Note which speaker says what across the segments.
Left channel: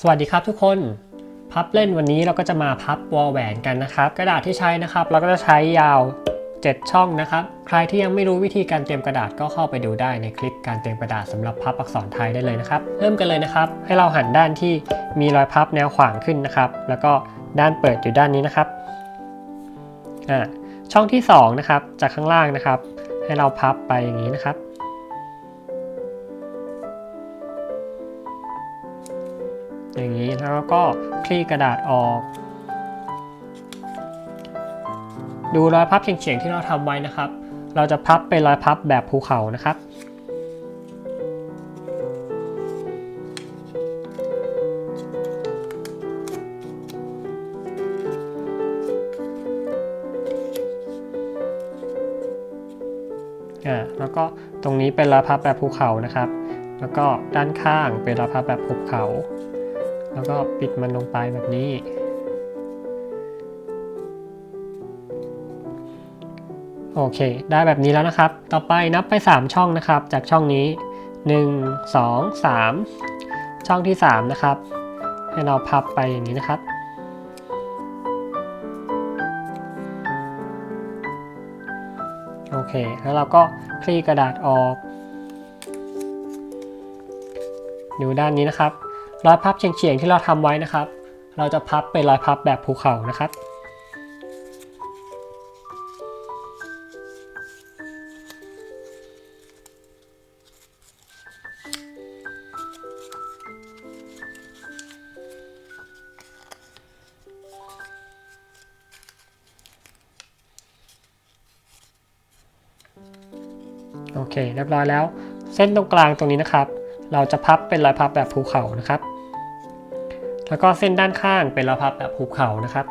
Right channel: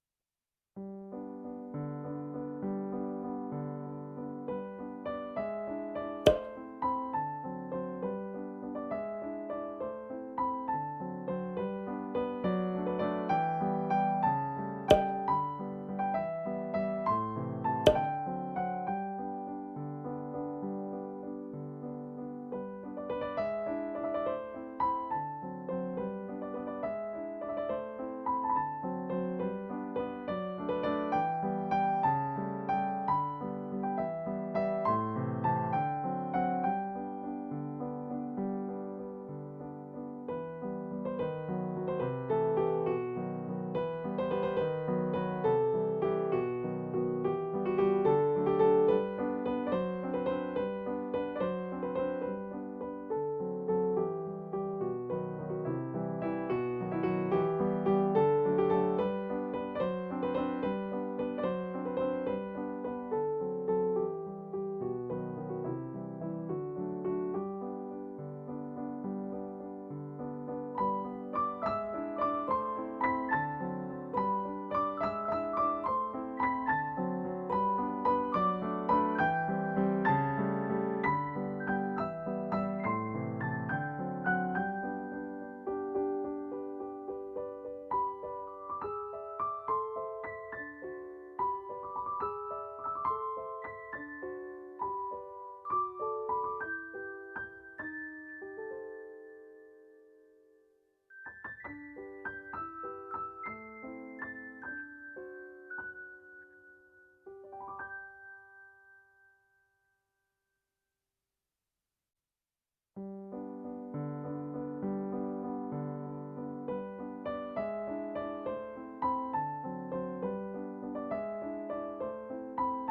Speaker 1: สวัสดีครับทุกคน พับเล่นวันนี้เราก็จะมาพับวอลแหวนกันนะครับ กระดาษที่ใช้นะครับ เราก็จะใช้ยาว 7 ช่องนะครับ ใครที่ยังไม่รู้วิธีการเตรียมกระดาษก็เข้าไปดูได้ในคลิปการเตรียมกระดาษสำหรับพับอักษรไทยได้เลยนะครับ เริ่มกันเลยนะครับ ให้เราหันด้านที่มีรอยพับแนวขวางขึ้นนะครับ แล้วก็ด้านเปิดอยู่ด้านนี้นะครับอ่าช่องที่สองนะครับจากข้างล่างนะครับ ให้เราพับไปอย่างนี้นะครับ อย่างนี้แล้วก็คลี่กระดาษออก ดูรอยพับเฉียงๆที่เราทำไว้นะครับ เราจะพับเป็นรอยพับแบบภูเขานะครับแล้วก็ตรงนี้เป็นรอยพับแบบภูเขานะครับ แล้วก็ด้านข้างเป็นรอยพับแบบภูเขา แล้วก็ปิดมันลงไปแบบนี้ โอเค ได้แบบนี้แล้วนะครับ ต่อไปนับไป 3 ช่องนะครับ จากช่องนี้ 1 2 3 ช่องที่ 3 นะครับ ให้เราพับไปอย่างนี้นะครับโอเค แล้วเราก็คลี่กระดาษออก ดูด้านนี้นะครับ รอยพับเฉียงๆที่เราทำไว้นะครับ เราจะพับเป็นรอยพับแบบภูเขานะครับ โอเคเรียบร้อยแล้ว เส้นตรงกลางตรงนี้นะครับ เราจะพับเป็นรอยพับแบบภูเขานะครับ แล้วก็เส้นด้านข้างเป็นรอยพับแบบภูเขานะครับ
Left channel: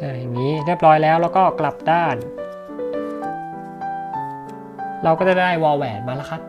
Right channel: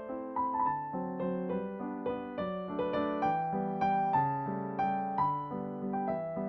Speaker 1: อย่างนี้เรียบร้อยแล้วแล้วก็กลับด้าน เราก็จะได้วอลแหวนมาแล้วครับ